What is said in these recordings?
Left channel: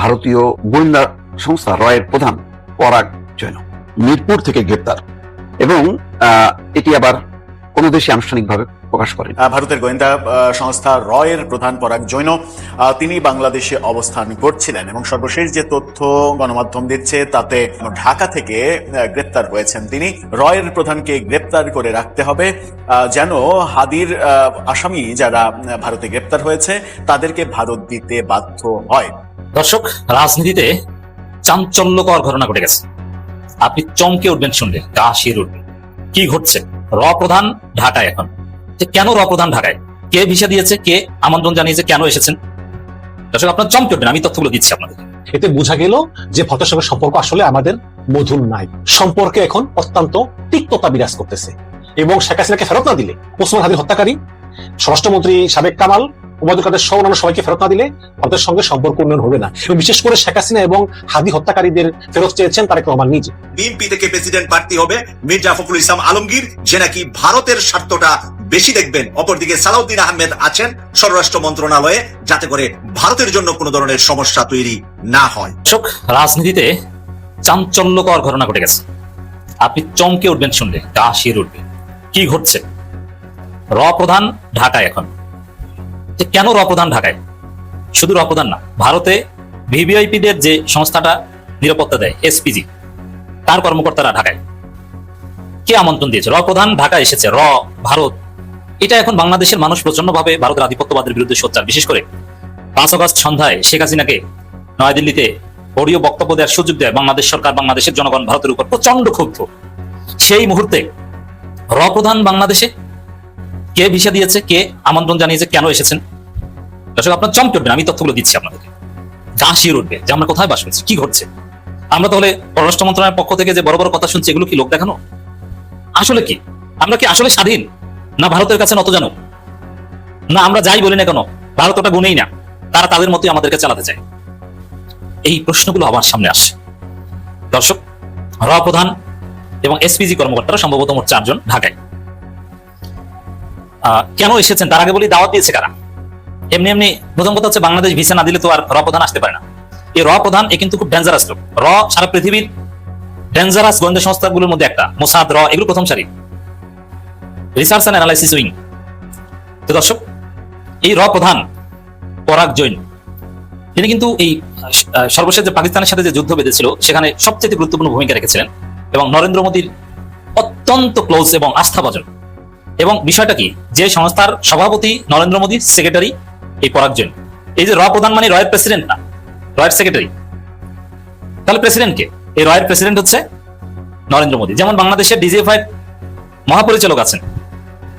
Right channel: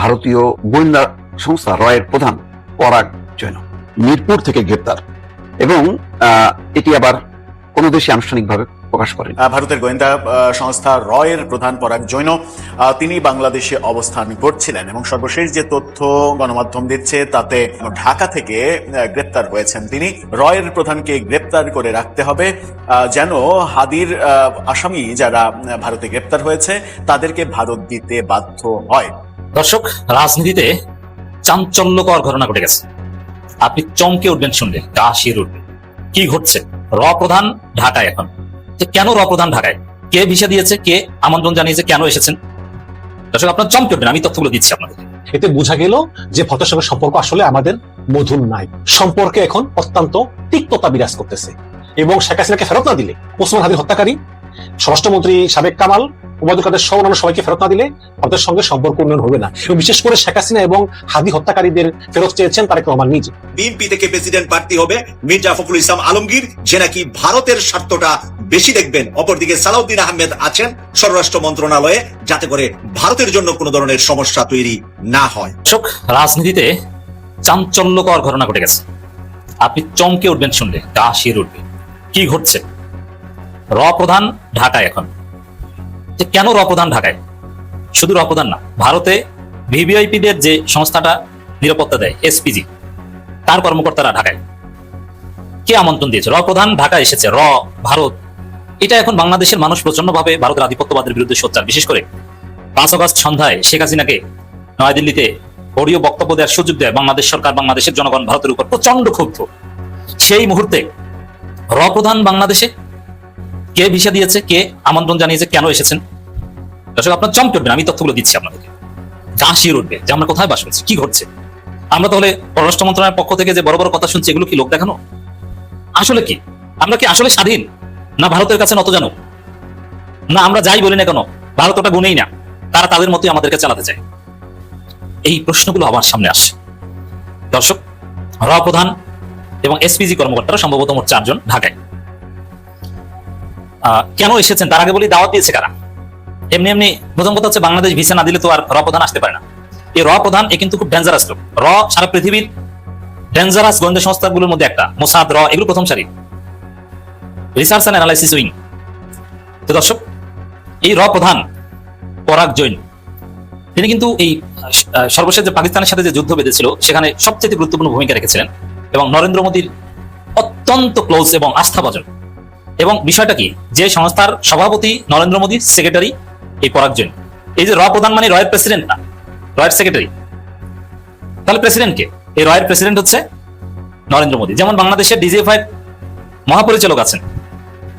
ভারতীয় গোয়েন্দা সংস্থা রয়ের প্রধান পরাগ জৈন মিরপুর থেকে গ্রেপ্তার এবং এটি আবার কোন দেশে আনুষ্ঠানিকভাবে প্রকাশ করে। ভারতের গোয়েন্দা সংস্থা রয়ের প্রধান পরাগ জৈন তিনি বাংলাদেশে অবস্থান করছিলেন এবং সর্বশেষ যে তথ্য গণমাধ্যম দিচ্ছে তাতে ঢাকা থেকে গ্রেপ্তার হয়েছেন তিনি। রয়ের প্রধানকে গ্রেপ্তার করে রাখতে হবে যেন হাদির আসামি যারা ভারতে গ্রেপ্তার হয়েছে তাদেরকে ভারত দিতে বাধ্য হয়। দর্শক, রাজনীতিতে চাঞ্চল্যকর ঘটনা ঘটে গেছে। আপনি চমকে উঠবেন শুনলে, গা শির উঠবে। কি ঘটছে? র প্রধান ঢাকায় এখন। কেন র প্রধান ঢাকায়? কে ভিসা দিয়েছে? কে আমন্ত্রণ জানিয়েছে? কেন এসেছেন? দর্শক, আপনার চমকে উঠবেন, আমি তথ্যগুলো দিচ্ছি আপনাদের। এতে বোঝা গেল যে ভক্তের সঙ্গে সম্পর্ক আসলে আমাদের মধুর নাই। সম্পর্কে এখন অত্যন্ত তিক্ততা বিরাজ করতেছে এবং শেখ হাসিনাকে ফেরত না দিলে, ওসমান হাদির হত্যাকারী, স্বরাষ্ট্রমন্ত্রী সাবেক কামাল, ওবায়দুল কাদের সহ অন্যান্য সবাইকে ফেরত না দিলে ভারতের সঙ্গে সম্পর্ক উন্নয়ন হবে না। বিশেষ করে শেখ হাসিনা এবং হাদি হত্যাকারীদের ফেরত চেয়েছেন তারেক রহমান নিজে। বিএনপি থেকে প্রেসিডেন্ট প্রার্থী হবে মির্জা ফখরুল ইসলাম আলমগীর, যে নাকি ভারতের স্বার্থটা বেশি দেখবেন। অপরদিকে সালাউদ্দিন আহমেদ আছেন স্বরাষ্ট্র মন্ত্রণালয়ে, যাতে করে ভারতের জন্য কোনো ধরনের সমস্যা তৈরি না হয়। দর্শক, রাজনীতিতে চাঞ্চল্যকর ঘটনা ঘটে গেছে। আপনি চমকে উঠবেন শুনলে, গা শির উঠবে। কি ঘটছে? র প্রধান ঢাকায় এখন। কেন র প্রধান ঢাকায়? শুধু র প্রধান না, ভারতে ভিভিআইপিদের যে সংস্থাটা নিরাপত্তা দেয়, এসপিজি, তার কর্মকর্তারা ঢাকায়। কে আমন্ত্রণ দিয়েছে? র প্রধান ঢাকা এসেছে। র ভারত। এটা এখন বাংলাদেশের মানুষ প্রচন্ডভাবে ভারতের আধিপত্যবাদের বিরুদ্ধে সোচ্চার। বিশেষ করে 5 আগস্ট সন্ধ্যায় শেখ হাসিনাকে নয়াদিল্লিতে অডিও বক্তব্য দেওয়ার সুযোগ দেয় বাংলাদেশ সরকার, বাংলাদেশের জনগণ ভারতের উপর প্রচন্ড ক্ষুব্ধ। সেই মুহূর্তে র প্রধান বাংলাদেশে। কে ভিসা দিয়েছে? কে আমন্ত্রণ জানিয়েছে? কেন এসেছেন? আপনার চমকে উঠবেন, আমি তথ্যগুলো দিচ্ছি আপনাদের। গা শির উঠবে যে আমরা কোথায় বসেছি, কি হচ্ছে। আমরা তাহলে পররাষ্ট্র মন্ত্রণালয়ের পক্ষ থেকে যে বড় বড় কথা শুনছি, এগুলো কি লোক দেখানো? আসলে কি আমরা কি আসলে স্বাধীন, না ভারতের কাছে নত জানো? না আমরা যাই বলি না কেন ভারত ওটা গুনেই না, তারা তাদের মতোই আমাদেরকে চালাতে চায়? এই প্রশ্নগুলো আমার সামনে আসছে। দর্শক, র প্রধান এবং এসপিজি কর্মকর্তারা সম্ভবত 4 জন ঢাকায়। কেন এসেছেন তার আগে বলি, দাওয়াত দিয়েছে কারা? এমনি এমনি প্রথম কথা হচ্ছে, বাংলাদেশ ভিসা না দিলে তো আর র প্রধান আসতে পারে না। এই র প্রধান এ কিন্তু খুব ডেঞ্জারাস লোক। র সারা পৃথিবীর ডেঞ্জারাস গোয়েন্দা সংস্থাগুলোর মধ্যে একটা। মোসাদ, র, এগুলো প্রথম সারি, রিসার্চ এন্ড অ্যানালাইসিস উইং। তো দর্শক, এই র প্রধান পরাগ জৈন, তিনি কিন্তু এই সর্বশেষ যে পাকিস্তানের সাথে যে যুদ্ধ বেঁধেছিল সেখানে সবচেয়ে গুরুত্বপূর্ণ ভূমিকা রেখেছিলেন এবং নরেন্দ্র মোদীর অত্যন্ত ক্লোজ এবং আস্থাভাজন। এবং বিষয়টা কি, যে সংস্থার সভাপতি নরেন্দ্র মোদীর সেক্রেটারি এই পরাগ জৈন। এই যে র প্রধান মানে রয়ের প্রেসিডেন্ট না, রয়ের সেক্রেটারি। তাহলে প্রেসিডেন্ট কে? এই রয়ের প্রেসিডেন্ট হচ্ছে নরেন্দ্র মোদী। যেমন বাংলাদেশের ডিজিএফআই মহাপরিচালক আছেন,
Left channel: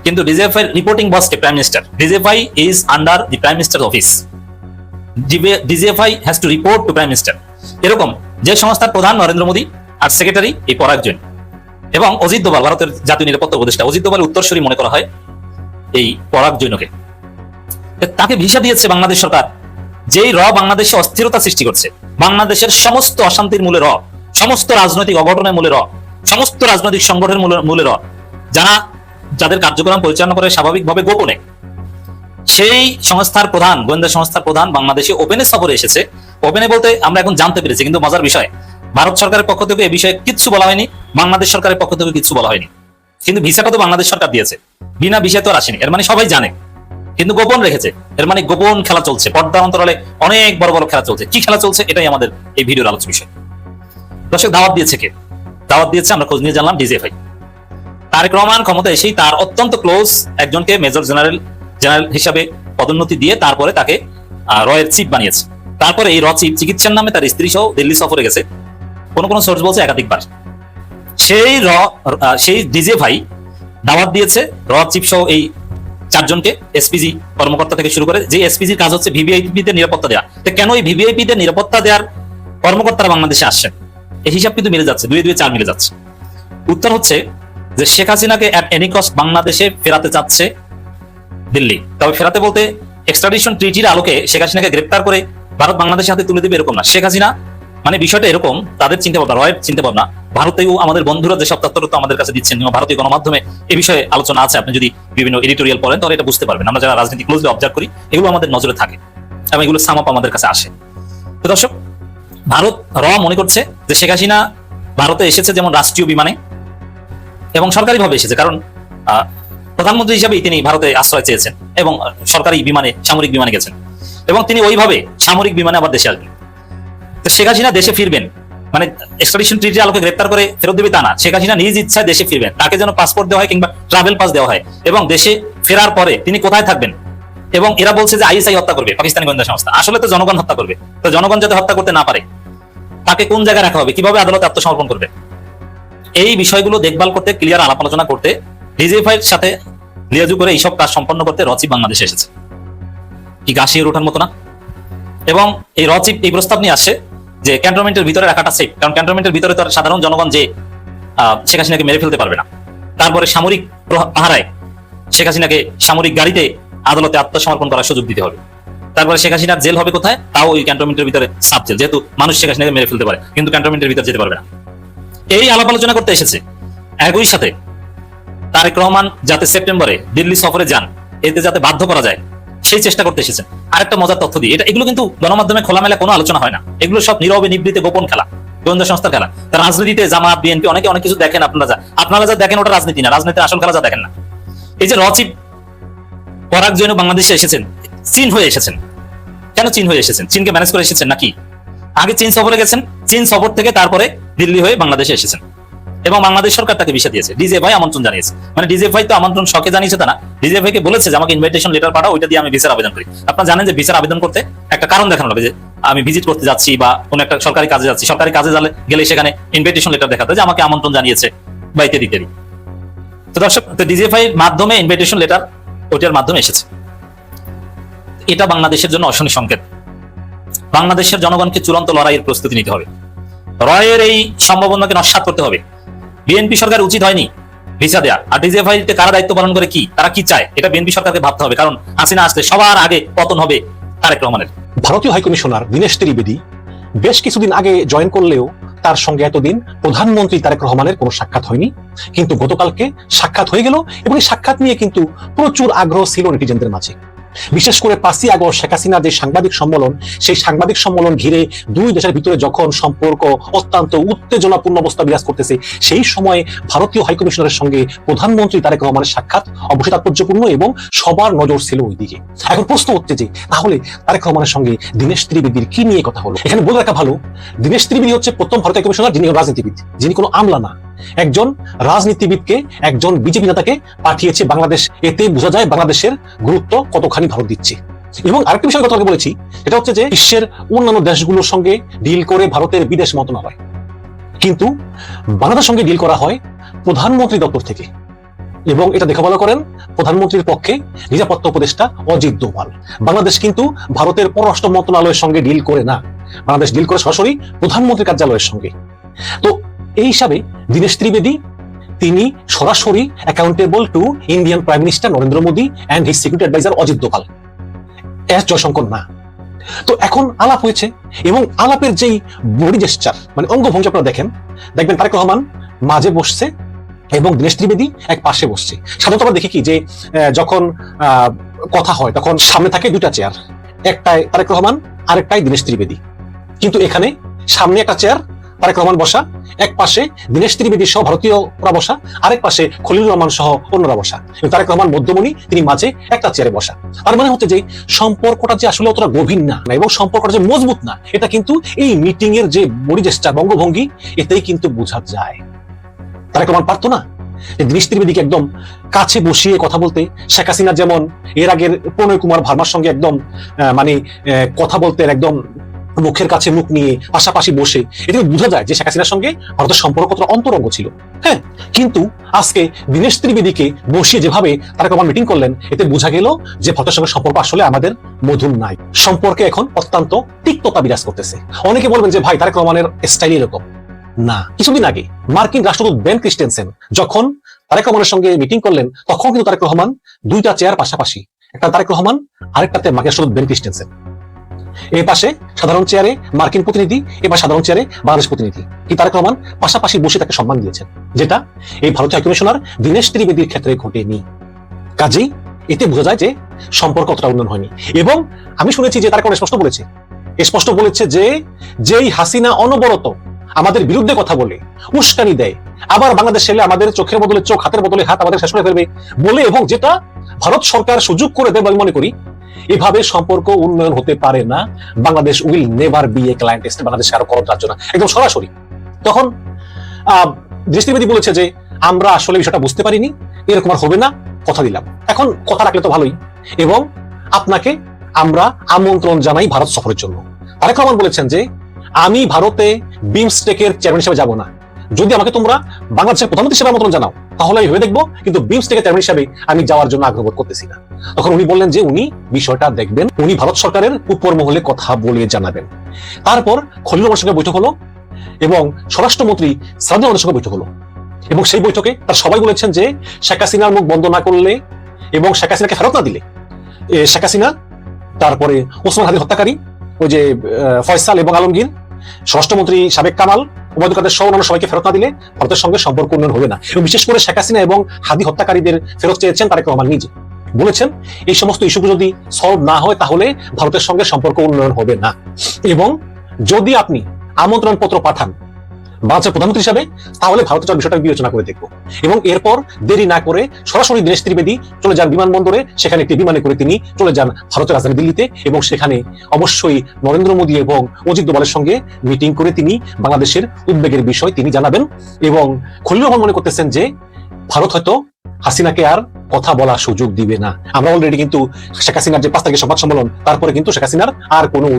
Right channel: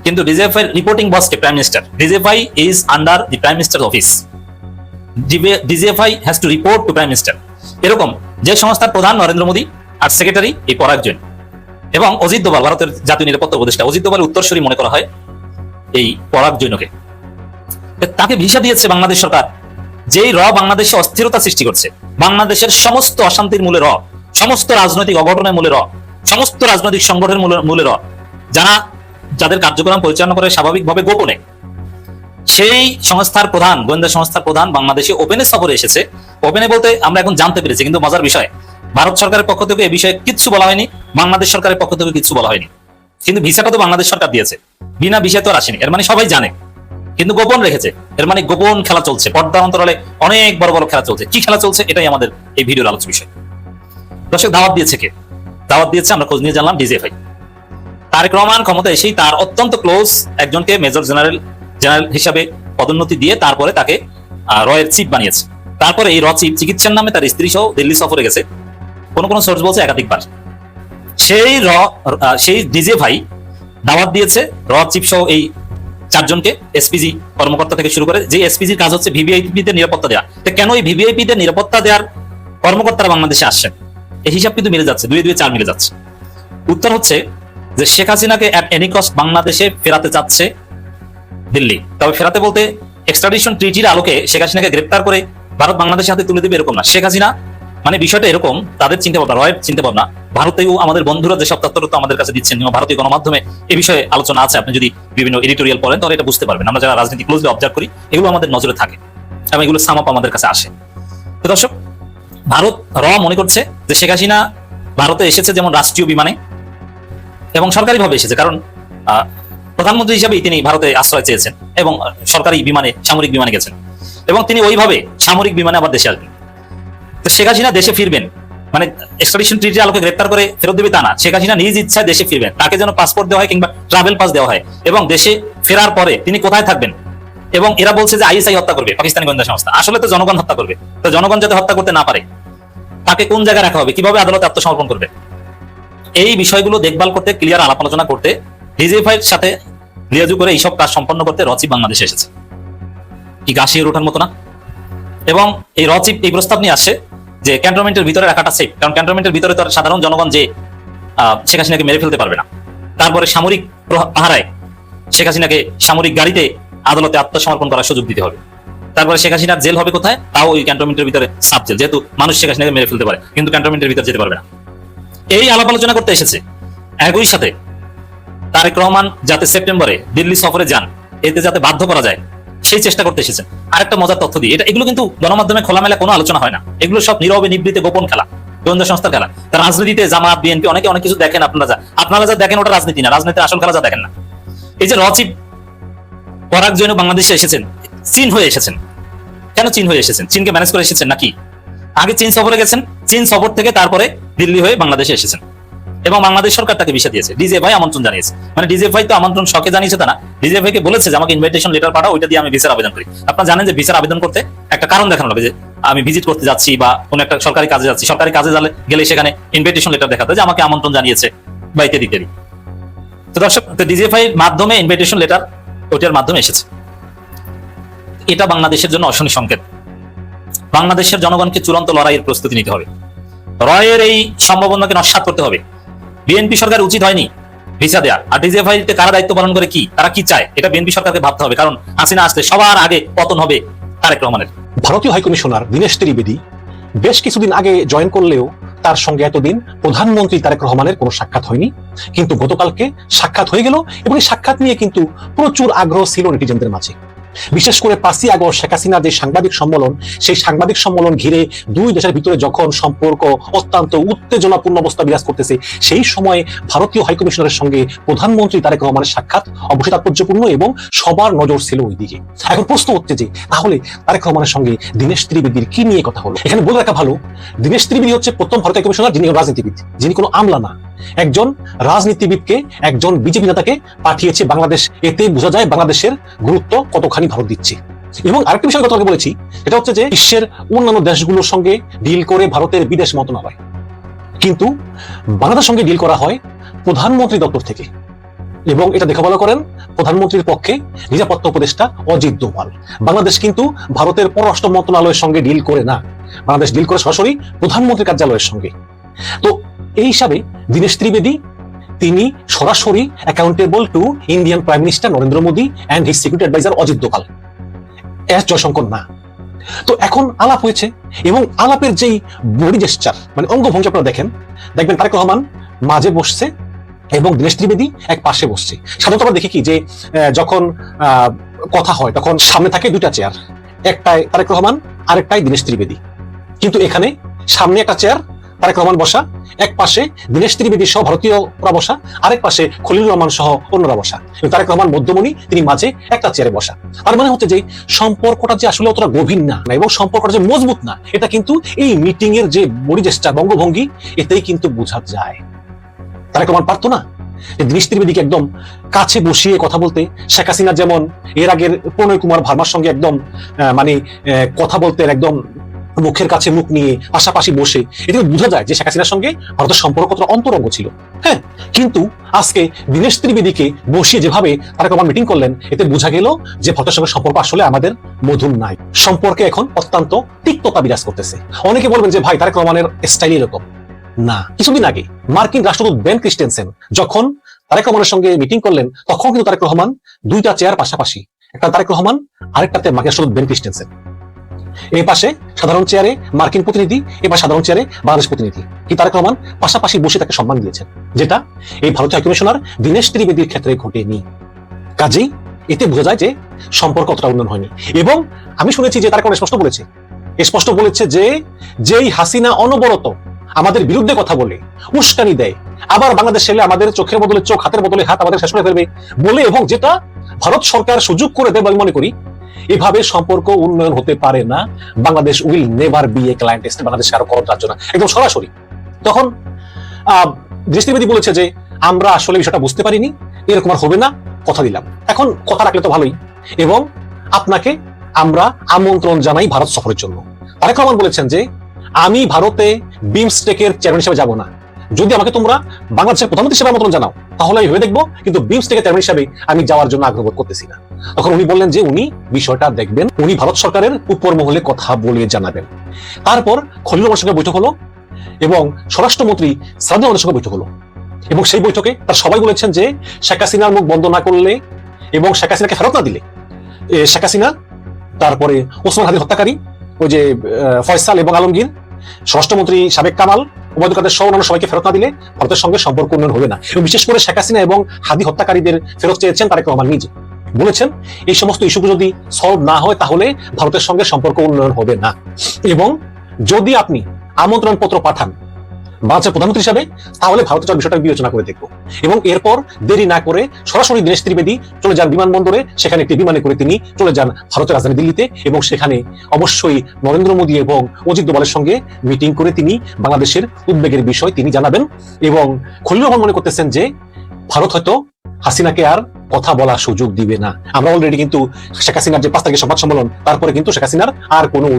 কিন্তু ডিজিএফআই রিপোর্টিং বস কে? Prime minister. DGFI is under the prime minister office. DGFI has to report to prime minister. এরকম যে সংস্থার প্রধান নরেন্দ্র মোদী আর সেক্রেটারি এই পরাগ জৈন। এবং অজিত দোভাল, ভারতের জাতীয় নিরাপত্তা উপদেষ্টা, অজিত দোভাল উত্তরসূরি মনে করা হয় এই পরাগ জৈনকে। তাকে ভিসা দিয়েছে বাংলাদেশ সরকার, যেই র বাংলাদেশে অস্থিরতা সৃষ্টি করছে। বাংলাদেশের সমস্ত অশান্তির মূলে র, সমস্ত রাজনৈতিক অঘটনের মূলে র, সমস্ত রাজনৈতিক সংগঠনের মূলে র, যাদের কার্যক্রম পরিচালনা করে স্বাভাবিকভাবে গোপনে, সেই সংস্থার প্রধান, গোয়েন্দা সংস্থার প্রধান বাংলাদেশে ওপেনে সফরে এসেছে। ওপেনে বলতে আমরা এখন জানতে পেরেছি, কিন্তু মজার বিষয়, ভারত সরকারের পক্ষ থেকে এই বিষয়ে কিচ্ছু বলা হয়নি, বাংলাদেশ সরকারের পক্ষ থেকে কিছু বলা হয়নি। কিন্তু ভিসাটা তো বাংলাদেশ সরকার দিয়েছে, বিনা ভিসা তো আর আসেনি। এর মানে সবাই জানে, কিন্তু গোপন রেখেছে। এর মানে গোপন খেলা চলছে, অনেক বড় বড় খেলা চলছে। কি খেলা চলছে, এটাই আমাদের এই ভিডিওর আলোচনা বিষয়। দর্শক, দাওয়াত দিয়েছে কে? দাওয়াত দিয়েছে, আমরা খোঁজ নিয়ে জানলাম, ডিজিএফআই। তারেক রহমান ক্ষমতা এসেই তার অত্যন্ত ক্লোজ একজনকে মেজর জেনারেল হিসাবে পদোন্নতি দিয়ে তারপরে তাকে রয়ের চিফ বানিয়েছে। তারপরে এই র চিফ চিকিৎসার নামে তার স্ত্রী সহ দিল্লি সফরে গেছে, কোন কোন সোর্স বলছে একাধিকবার। সেই ডিজিএফআই দাওয়াত দিয়েছে র চিফ সহ এই 4 জনকে, এসপিজি কর্মকর্তা থেকে শুরু করে। যে এসপিজির কাজ হচ্ছে ভিভিআইপিদের নিরাপত্তা দেওয়া। কেন এই ভিভিআইপিদের নিরাপত্তা দেওয়ার কর্মকর্তারা বাংলাদেশে আসছেন? এই হিসাব কিন্তু মিলে যাচ্ছে, 2 2 4 মিলে যাচ্ছে। উত্তর হচ্ছে যে শেখ হাসিনাকে এট এনি কস্ট বাংলাদেশে ফেরাতে চাচ্ছে দিল্লি। তবে ফেরাতে বলতে এক্সট্রাডিশন ট্রিটির আলোকে শেখ হাসিনাকে গ্রেপ্তার করে ভারত বাংলাদেশের হাতে তুলে দেবে এরকম না। শেখ হাসিনা মানে বিষয়টা এরকম, তাদের চিন্তা ভাবনা, রয়ের চিন্তা ভাবনা। ভারতেও আমাদের বন্ধুরা যেসব তথ্য আমাদের কাছে দিচ্ছেন, ভারতীয় গণমাধ্যমে এই বিষয়ে আলোচনা আছে। আপনি যদি বিভিন্ন এডিটোরিয়াল পড়েন তাহলে এটা বুঝতে পারবেন। আমরা যারা রাজনীতি ক্লোজলি অবজার্ভ করি, এগুলো আমাদের নজরে থাকে এবং এগুলো সাম আপ আমাদের কাছে আসে। তো দর্শক, ভারত মনে করছে যে শেখ হাসিনা ভারতে এসেছে যেমন রাষ্ট্রীয় বিমানে এবং সরকারিভাবে এসেছে, কারণ প্রধানমন্ত্রী হিসেবেই তিনি ভারতে আশ্রয় চেয়েছেন এবং সরকারি বিমানে, সামরিক বিমানে গেছেন এবং তিনি ওইভাবে সামরিক বিমানে আবার দেশে আসবেন। তো শেখ হাসিনা দেশে ফিরবেন, মানে এক্সট্রাডিশন ট্রিটি আলোকে গ্রেপ্তার করে ফেরত দেবে তা না, শেখ হাসিনা নিজ ইচ্ছায় দেশে ফিরবেন। তাকে যেন পাসপোর্ট দেওয়া হয় কিংবা ট্রাভেল পাস দেওয়া হয়, এবং দেশে ফেরার পরে তিনি কোথায় থাকবেন। এবং এরা বলছে যে আইএসআই হত্যা করবে, পাকিস্তানি গোয়েন্দা সংস্থা, আসলে তো জনগণ হত্যা করবে। তো জনগণ যাতে হত্যা করতে না পারে তাকে কোন জায়গায় রাখা হবে, কিভাবে আদালতে আত্মসমর্পণ করবে, এই বিষয়গুলো দেখভাল করতে, ক্লিয়ার আলাপ আলোচনা করতে, ডিজিএফআই এর সাথে যোগাযোগ করে এইসব কাজ সম্পন্ন করতে রচিব বাংলাদেশে এসেছে। কি গাছিয়ে ওঠার মতো না? এবং এই রচিব এই প্রস্তাব নিয়ে আসে যে ক্যান্টনমেন্টের ভিতরে রাখাটা সেফ, কারণ ক্যান্টনমেন্টের ভিতরে তো সাধারণ জনগণ যে শেখ হাসিনাকে মেরে ফেলতে পারবে না। তারপরে সামরিক পাহারায় শেখ হাসিনাকে সামরিক গাড়িতে আদালতে আত্মসমর্পণ করার সুযোগ দিতে হবে। তারপরে শেখ হাসিনার জেল হবে কোথায়, তাও ওই ক্যান্টনমেন্টের ভিতরে সাব জেল, যেহেতু মানুষ শেখ হাসিনাকে মেরে ফেলতে পারে কিন্তু ক্যান্টনমেন্টের ভিতরে যেতে পারবে না। এই আলাপ আলোচনা করতে এসেছে। একই সাথে তারেক রহমান যাতে সেপ্টেম্বরে দিল্লি সফরে যান, এতে যাতে বাধ্য করা যায় সেই চেষ্টা করতে এসেছে। আরেকটা মজার তথ্য দিই, এগুলো কিন্তু গণমাধ্যমে খোলামেলা কোনো আলোচনা হয় না, এগুলো সব নীরবে নিবৃতে গোপন খেলা, গোয়েন্দা সংস্থার খেলা। তা রাজনীতিতে জামাত বিএনপি অনেকে অনেক কিছু দেখেন, আপনারা যা দেখেন ওটা রাজনীতি না, রাজনীতির আসল খেলা যা দেখেন না। এই যে রচিব পরাগ জৈন বাংলাদেশে এসেছেন, চীন হয়ে এসেছেন। কেন চীন হয়ে এসেছেন? চীনকে ম্যানেজ করে এসেছেন নাকি? আগে চীন সফরে গেছেন, চীন সফর থেকে তারপরে দিল্লি হয়ে বাংলাদেশে এসেছেন এবং বাংলাদেশ সরকার তাকে ভিসা দিয়েছে, ডিজিএফআই আমন্ত্রণ জানিয়েছে। মানে ডিজিএফআই তো আমন্ত্রণ শখে জানিয়েছে তা না, ডিজিএফআই কে বলেছে যে আমাকে ইনভাইটেশন লেটার পাঠাও, ওইটা দিয়ে আমি ভিসার আবেদন করি। আপনারা জানেন যে ভিসার আবেদন করতে একটা কারণ দেখানো হবে, যে আমি ভিজিট করতে যাচ্ছি বা কোনো একটা সরকারি কাজে যাচ্ছি, সরকারি কাজে গেলে সেখানে ইনভাইটেশন লেটার দেখাতে যে আমাকে আমন্ত্রণ জানিয়েছে বা ইত্যাদি ইত্যাদি। তো দর্শক, ডিজিএফআই এর মাধ্যমে ইনভাইটেশন লেটার ওটার মাধ্যমে এসেছে। এটা বাংলাদেশের জন্য অশনি সংকেত। বাংলাদেশের জনগণকে চূড়ান্ত লড়াইয়ের প্রস্তুতি নিতে হবে, রয়ের এই সম্ভাবনাকে নস্যাৎ করতে হবে। বিএনপি সরকার উচিত হয়নি ভিসা দেওয়া, আর ডিজিএফআই কে কারা দায়িত্ব পালন করে, কি তারা কি চায়, এটা বিএনপি সরকারকে ভাবতে হবে, কারণ হাসিনা আসলে সবার আগে পতন হবে। ভারতীয় হাইকমিশনার দীনেশ ত্রিবেদী বেশ কিছুদিন আগে জয়েন করলেও তার সঙ্গে এতদিন প্রধানমন্ত্রী তারেক রহমানের কোনো সাক্ষাৎ হয়নি, কিন্তু গতকালকে সাক্ষাৎ হয়ে গেল এবং এই সাক্ষাৎ নিয়ে কিন্তু প্রচুর আগ্রহ ছিল নেটিজেনদের মাঝে। বিশেষ করে 5 আগস্ট শেখ হাসিনার যে সাংবাদিক সম্মেলন, সেই সাংবাদিক সম্মেলন ঘিরে দুই দেশের ভিতরে যখন সম্পর্ক অত্যন্ত উত্তেজনাপূর্ণ অবস্থা বিরাজ করতেছে, সেই সময়ে ভারতীয় হাইকমিশনারের সঙ্গে প্রধানমন্ত্রী তারেক রহমানের সাক্ষাৎ অবশ্যই তাৎপর্যপূর্ণ এবং সবার নজর ছিল ওই দিকে। এখন প্রশ্ন উঠতে যে তাহলে তারেক রহমানের সঙ্গে দীনেশ ত্রিবেদীর কি নিয়ে কথা হলো? এখানে বলে রাখা ভালো, দীনেশ ত্রিবেদী হচ্ছে প্রথম ভারতীয় হাইকমিশনার যিনি রাজনীতিবিদ, যিনি কোনো আমলা না, একজন রাজনীতিবিদকে, একজন বিজেপি নেতাকে পাঠিয়েছে বাংলাদেশ। এতে বোঝা যায় বাংলাদেশের গুরুত্ব কতখানি ভারত দিচ্ছে। এবং আরেকটি বিষয় যেটা বলেছি, এটা হচ্ছে যে বিশ্বের অন্যান্য দেশগুলোর সঙ্গে ডিল করে ভারতের বিদেশ মন্ত্রণালয়, কিন্তু বাংলাদেশের সঙ্গে ডিল করা হয় প্রধানমন্ত্রী দপ্তর থেকে। এবং এটা দেখা বলা করেন প্রধানমন্ত্রীর পক্ষে নিরাপত্তা উপদেষ্টা অজিত দোভাল। বাংলাদেশ কিন্তু ভারতের পররাষ্ট্র মন্ত্রণালয়ের সঙ্গে ডিল করে না, বাংলাদেশ ডিল করে সরাসরি প্রধানমন্ত্রীর কার্যালয়ের সঙ্গে। তো এই হিসাবে দীনেশ ত্রিবেদী তিনি সরাসরি accountable to Indian prime minister Narendra Modi and his security adviser Ajit Doval, S Jaishankar না। তো এখন আলাপ হয়েছে এবং আলাপের যেই বডি জেস্টার মানে অঙ্গভঙ্গি আপনারা দেখবেন তারেক রহমান মাঝে বসছে এবং দীনেশ ত্রিবেদী এক পাশে বসছে। সাধারণত আমরা দেখি কি যে যখন কথা হয় তখন সামনে থাকে দুটা চেয়ার, একটাই তারেক রহমান আরেকটাই দীনেশ ত্রিবেদী, কিন্তু এখানে সামনে একটা চেয়ার তারেক রহমান বসা, এক পাশে দীনেশ ত্রিবেদী সহ ভারতীয়রা বসা, আরেক পাশে খলিলুর রহমান সহ অন্যরা বসা, তারেক রহমান মধ্যমণি, তিনি মাঝে একটা চেয়ারে বসা। আর মানে হচ্ছে যে সম্পর্কটা যে আসলে অতটা গভীর না এবং সম্পর্কটা যে মজবুত না, এটা কিন্তু এই মিটিং এর যে বডি জেস্টার বঙ্গভঙ্গি এতেই কিন্তু বোঝা যায়। তারেক রহমান পারতো না দীনেশ ত্রিবেদীকে একদম কাছে বসিয়ে কথা বলতে? শেখ হাসিনা যেমন এর আগের প্রণয় কুমার ভার্মার সঙ্গে একদম মানে কথা বলতে একদম মুখের কাছে মুখ নিয়ে পাশাপাশি বসে, এটা বোঝা যায় যে শেখ হাসিনার সঙ্গে ভারতের সম্পর্ক কতটা অন্তরঙ্গ ছিল। হ্যাঁ, কিন্তু আজকে দীনেশ ত্রিবেদীকে বসিয়ে যেভাবে তারেক রহমান মিটিং করলেন, এতে বোঝা গেল যে ভারতের সঙ্গে সম্পর্ক আসলে আমাদের মধুর নাই, সম্পর্কে এখন অত্যন্ত তিক্ততা বিরাজ করতেছে। অনেকে বলবেন যে ভাই তারেক রহমানের স্টাইল এরকম না। কিছুদিন আগে মার্কিন রাষ্ট্রদূত বেন ক্রিস্টেনসেন যখন তারেক রহমানের সঙ্গে মিটিং করলেন, তখন কিন্তু তারেক রহমান দুইটা চেয়ার পাশাপাশি, একটা তারেক রহমান আরেকটাতে মার্কিন রাষ্ট্রদূত বেন ক্রিস্টেনসেন, এর পাশে সাধারণ চেয়ারে মার্কিন প্রতিনিধি, এবার সাধারণ চেয়ারে বাংলাদেশ প্রতিনিধি। কি তারেক রহমান পাশাপাশি বসে তাকে সম্মান দিয়েছেন, যেটা এই ভারতীয় হাইকমিশনার দীনেশ ত্রিবেদীর ক্ষেত্রে ঘটেনি। কাজেই এতে বোঝা যায় যে সম্পর্ক অতটা উন্নয়ন হয়নি। এবং আমি শুনেছি যে তারেক রহমান স্পষ্ট বলেছে যে যেই হাসিনা অনবরত আমাদের বিরুদ্ধে কথা বলে, উস্কানি দেয়, আবার বাংলাদেশ এলে আমাদের চোখের বদলে চোখ, হাতের বদলে হাত আমাদের শেষ করে ফেলবে বলে, এবং যেটা ভারত সরকার সুযোগ করে দেয় আমি মনে করি, এভাবে সম্পর্ক উন্নয়ন হতে পারে না। Bangladesh will never B a client state, Bangladesh আরো খরচ যাচ্ছে না, একদম সরাসরি। তখন দৃষ্টিবিধি বলেছে যে আমরা আসলে বিষয়টা বুঝতে পারিনি, এরকম আর হবে না, কথা দিলাম। এখন কথা রাখলে তো ভালোই, এবং আপনাকে আমরা আমন্ত্রণ জানাই ভারত সফরের জন্য। তারেক রহমান বলেছেন যে আমি ভারতে বিমস্টেকের চেয়ারম্যান হিসেবে যাবো না, যদি আমাকে তোমরা বাংলাদেশের প্রধানমন্ত্রী হিসেবে আমন্ত্রণ জানাও তাহলে আমি ভেবে দেখবো, কিন্তু বিমস্টেকের চেয়ারম্যান হিসেবে আমি যাওয়ার জন্য আগ্রহ বোধ করতেছি না। তখন উনি বললেন যে উনি বিষয়টা দেখবেন, উনি ভারত সরকারের উপর মহলে কথা বলে জানাবেন। তারপর খলিল রহমানের সঙ্গে বৈঠক হলো এবং স্বরাষ্ট্রমন্ত্রী সাদুল আহমেদের সঙ্গে বৈঠক হলো, এবং সেই বৈঠকে তার সবাই বলেছেন যে শেখ হাসিনার মুখ বন্ধ না করলে এবং শেখ হাসিনাকে ফেরত না দিলে, শেখ হাসিনা, তারপরে ওসমান হাদির হত্যাকারী ওই যে ফয়সাল এবং আলমগীর, স্বরাষ্ট্রমন্ত্রী সাবেক কামাল, ওবায়দুল কাদের সহ অন্যান্য সবাইকে ফেরত না দিলে ভারতের সঙ্গে সম্পর্ক উন্নয়ন হবে না। এবং বিশেষ করে শেখ হাসিনা এবং হাদি হত্যাকারীদের ফেরত চেয়েছেন তারেক রহমান নিজে, বলেছেন এই সমস্ত ইস্যুকে যদি সলভ না হয় তাহলে ভারতের সঙ্গে সম্পর্ক উন্নয়ন হবে না, এবং যদি আপনি আমন্ত্রণ পত্র পাঠান বাংলাদেশের প্রধানমন্ত্রী হিসাবে তাহলে ভারতের বিষয়টা বিবেচনা করে দেখবো। এবং এরপর দেরি না করে সরাসরি দীনেশ ত্রিবেদী চলে যান বিমানবন্দরে, সেখানে একটি বিমানে করে তিনি চলে যান ভারতের রাজধানী দিল্লিতে, এবং সেখানে অবশ্যই নরেন্দ্র মোদী এবং অজিত দোভালের সঙ্গে মিটিং করে তিনি বাংলাদেশের উদ্বেগের বিষয় তিনি জানাবেন। এবং খলিল রহমান মনে করতেছেন যে ভারত হয়তো হাসিনাকে আর কথা বলার সুযোগ দিবে না। আমরা অলরেডি কিন্তু শেখ হাসিনার যে 5 তারিখের সংবাদ সম্মেলন, তারপরে কিন্তু শেখ হাসিনার আর কোনো